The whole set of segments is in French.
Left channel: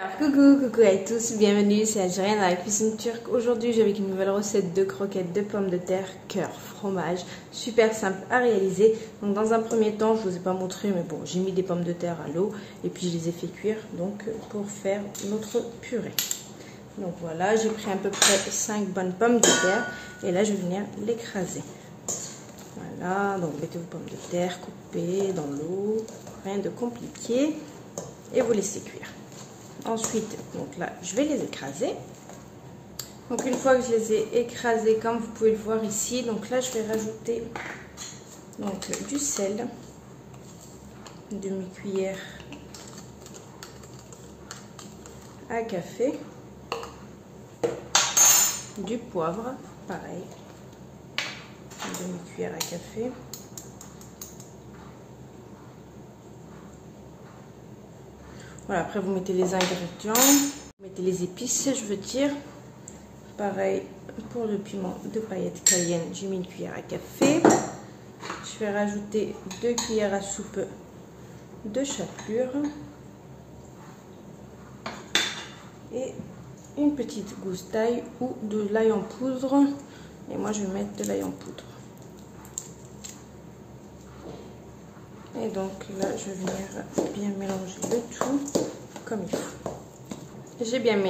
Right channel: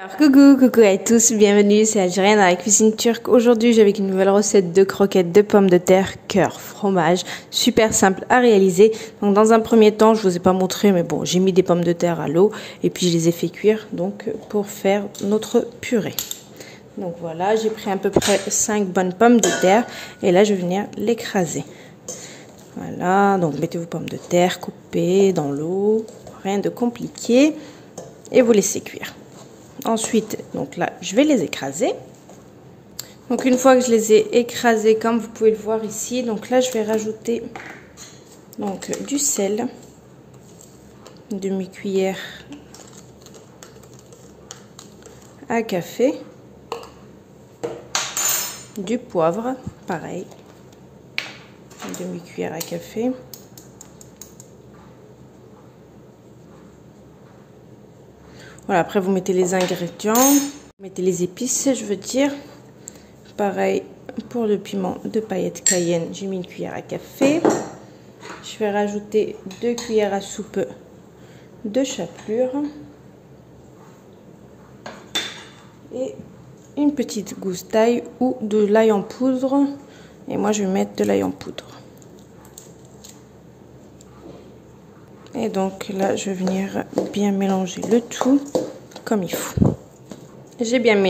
Alors, coucou à tous, bienvenue, c'est Algérienne dans la cuisine turque. Aujourd'hui, j'ai avec une nouvelle recette de croquettes de pommes de terre, cœur, fromage, super simple à réaliser. Donc, dans un premier temps, je vous ai pas montré, mais bon, j'ai mis des pommes de terre à l'eau et puis je les ai fait cuire donc pour faire notre purée. Donc voilà, j'ai pris à peu près 5 bonnes pommes de terre et là, je vais venir l'écraser. Voilà, donc mettez vos pommes de terre coupées dans l'eau, rien de compliqué et vous laissez cuire. Ensuite, donc là, je vais les écraser. Donc une fois que je les ai écrasés, comme vous pouvez le voir ici, donc là, je vais rajouter donc du sel, une demi-cuillère à café, du poivre, pareil, une demi-cuillère à café. Voilà, après vous mettez les ingrédients, vous mettez les épices, je veux dire. Pareil pour le piment de paillettes cayenne, j'ai mis une cuillère à café. Je vais rajouter 2 cuillères à soupe de chapelure. Et une petite gousse d'ail ou de l'ail en poudre. Et moi je vais mettre de l'ail en poudre. Et donc là, je vais venir bien mélanger le tout comme il faut. J'ai bien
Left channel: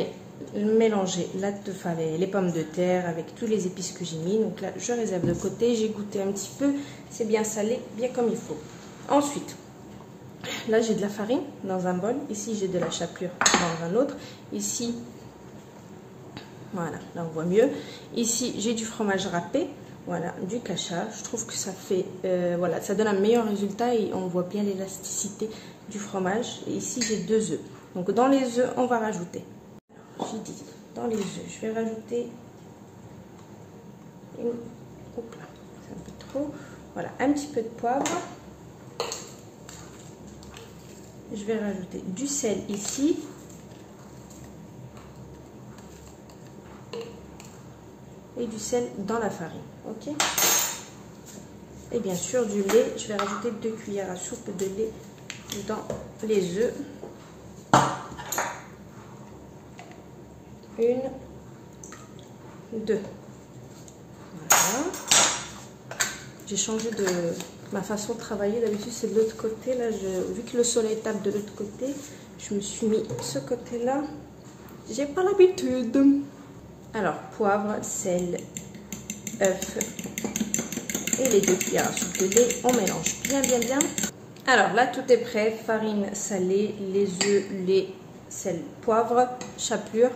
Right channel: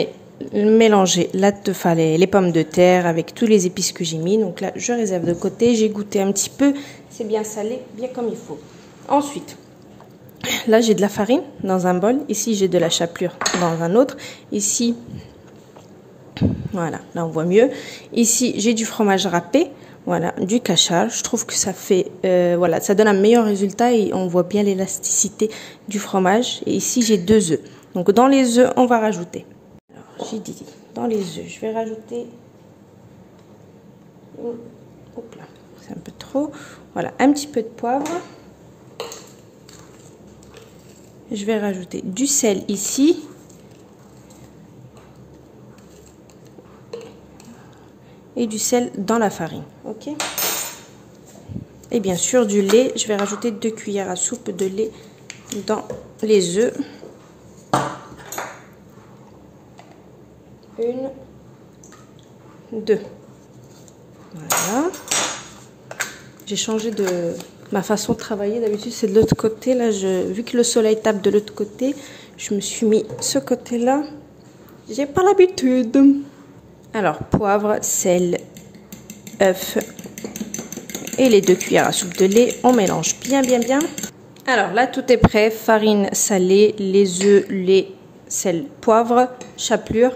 mélangé les pommes de terre avec tous les épices que j'ai mis. Donc là, je réserve de côté. J'ai goûté un petit peu. C'est bien salé, bien comme il faut. Ensuite, là, j'ai de la farine dans un bol. Ici, j'ai de la chapelure dans un autre. Ici, voilà, là, on voit mieux. Ici, j'ai du fromage râpé. Voilà, du kachar. Je trouve que ça fait, voilà, ça donne un meilleur résultat et on voit bien l'élasticité du fromage. Et ici, j'ai 2 œufs. Donc, dans les œufs, on va rajouter. J'ai dit, dans les œufs, je vais rajouter. Hop là, c'est un peu trop. Voilà, un petit peu de poivre. Je vais rajouter du sel ici. Et du sel dans la farine, ok. Et bien sûr du lait, je vais rajouter 2 cuillères à soupe de lait dans les œufs. 1, 2. Voilà. J'ai changé de ma façon de travailler, d'habitude c'est de l'autre côté. Là, vu que le soleil tape de l'autre côté, je me suis mis ce côté-là. J'ai pas l'habitude. Alors, poivre, sel, œuf et les 2 cuillères à soupe de lait. On mélange bien. Alors là, tout est prêt. Farine salée, les œufs, lait, sel, poivre, chapelure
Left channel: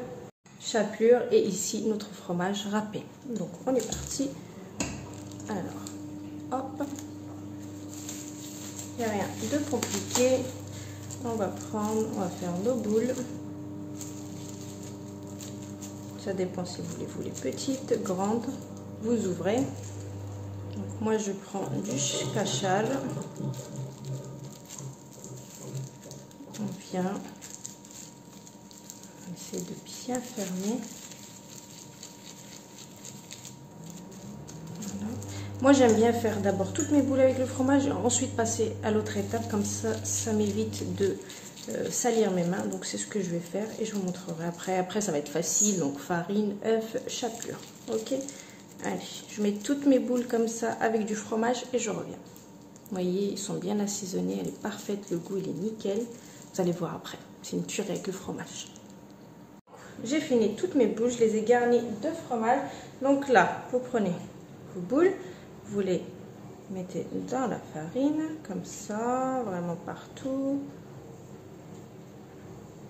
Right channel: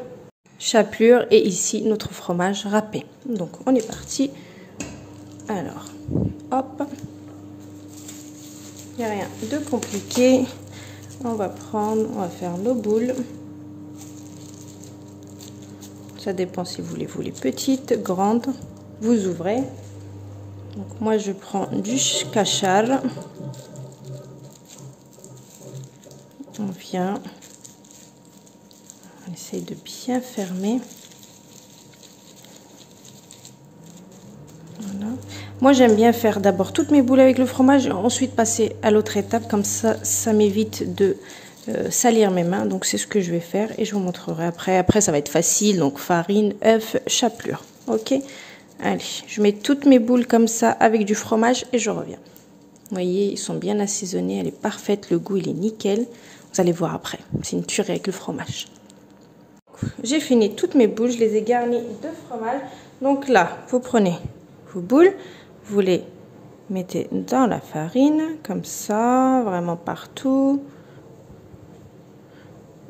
et ici notre fromage râpé. Donc, on est parti. Alors, hop. Il n'y a rien de compliqué. On va faire nos boules. Ça dépend si vous les voulez petites, grandes. Vous ouvrez. Donc moi je prends du kachar. On vient. On essaye de bien fermer. Voilà. Moi j'aime bien faire d'abord toutes mes boules avec le fromage et ensuite passer à l'autre étape. Comme ça m'évite de salir mes mains, donc c'est ce que je vais faire et je vous montrerai après ça va être facile. Donc farine, œuf, chapelure, ok. Allez, je mets toutes mes boules comme ça avec du fromage et je reviens. Vous voyez, ils sont bien assaisonnés, elle est parfaite, le goût il est nickel. Vous allez voir après, c'est une tuerie avec le fromage. J'ai fini toutes mes boules, je les ai garnies de fromage. Donc là, vous prenez vos boules, vous les mettez dans la farine comme ça, vraiment partout.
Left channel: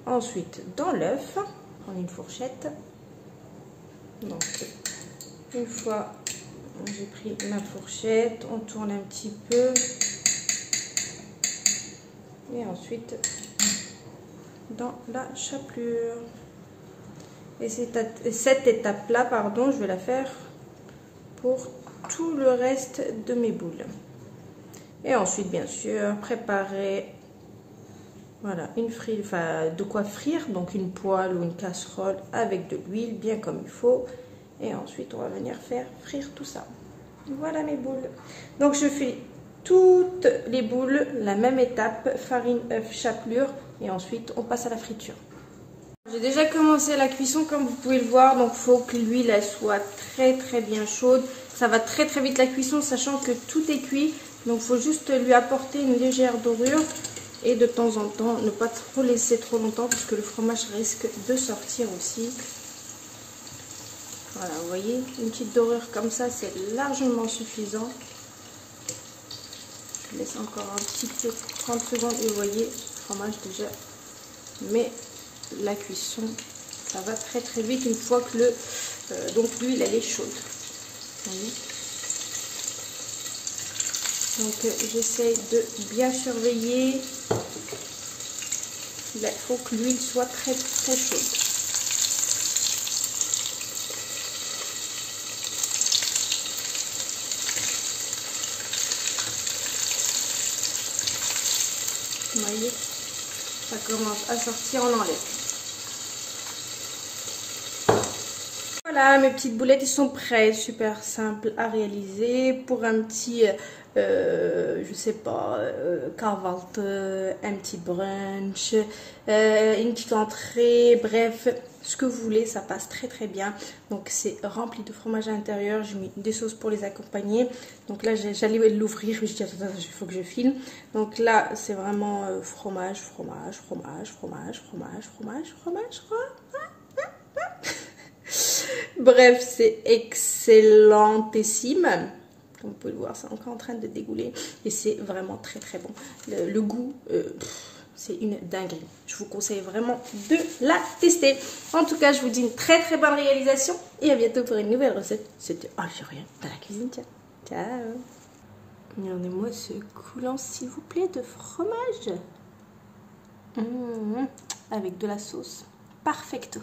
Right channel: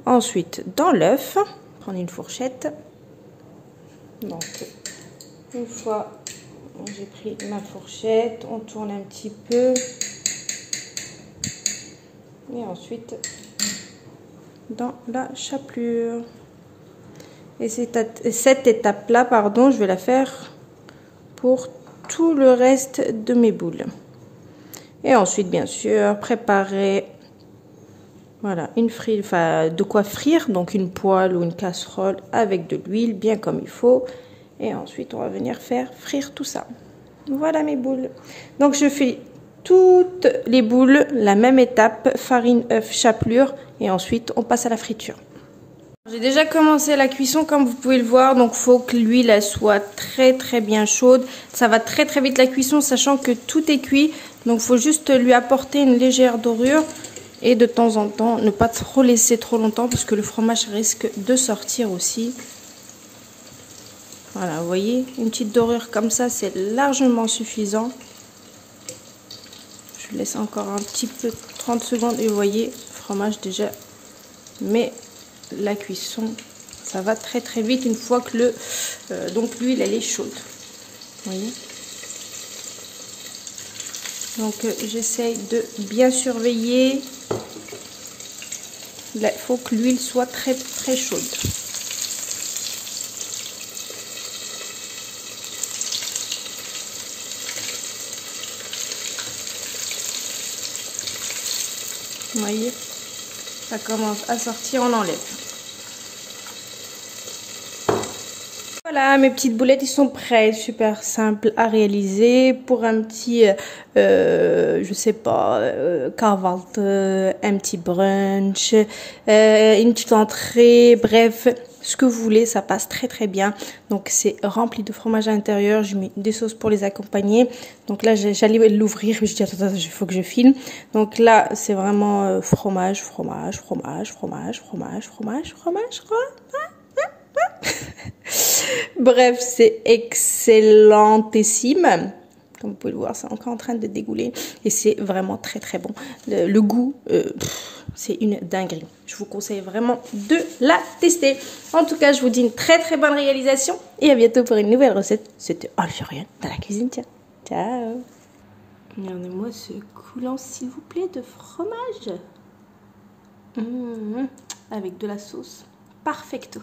Ensuite, dans l'œuf, prendre une fourchette. Donc, une fois j'ai pris ma fourchette, on tourne un petit peu. Et ensuite, dans la chapelure. Et cette étape-là, pardon, je vais la faire pour tout le reste de mes boules. Et ensuite, bien sûr, préparer... Voilà, de quoi frire, donc une poêle ou une casserole avec de l'huile, bien comme il faut. Et ensuite, on va venir faire frire tout ça. Voilà mes boules. Donc, je fais toutes les boules, la même étape, farine, œuf, chapelure. Et ensuite, on passe à la friture. J'ai déjà commencé la cuisson comme vous pouvez le voir, donc faut que l'huile elle soit très bien chaude. Ça va très vite la cuisson, sachant que tout est cuit, donc faut juste lui apporter une légère dorure et de temps en temps ne pas trop laisser trop longtemps puisque le fromage risque de sortir aussi. Voilà, vous voyez, une petite dorure comme ça, c'est largement suffisant. Je laisse encore un petit peu, 30 secondes, et vous voyez, le fromage déjà, mais la cuisson, ça va très vite une fois que donc l'huile elle est chaude. Vous voyez. Donc j'essaye de bien surveiller. Là, il faut que l'huile soit très chaude. Vous voyez, ça commence à sortir, on enlève. Voilà, mes petites boulettes, ils sont prêts, super simple à réaliser pour un petit, je sais pas, carvelte, un petit brunch, une petite entrée, bref, ce que vous voulez, ça passe très bien. Donc c'est rempli de fromage à l'intérieur, j'ai mis des sauces pour les accompagner. Donc là, j'allais l'ouvrir, mais je dis attends, il faut que je filme. Donc là, c'est vraiment fromage. Bref, c'est excellentissime. Comme vous pouvez le voir, c'est encore en train de dégouler. Et c'est vraiment très bon. Le goût, c'est une dinguerie. Je vous conseille vraiment de la tester. En tout cas, je vous dis une très bonne réalisation. Et à bientôt pour une nouvelle recette. C'était algérien dans la cuisine. Tiens. Ciao. Regardez-moi ce coulant, s'il vous plaît, de fromage. Avec de la sauce. Perfecto.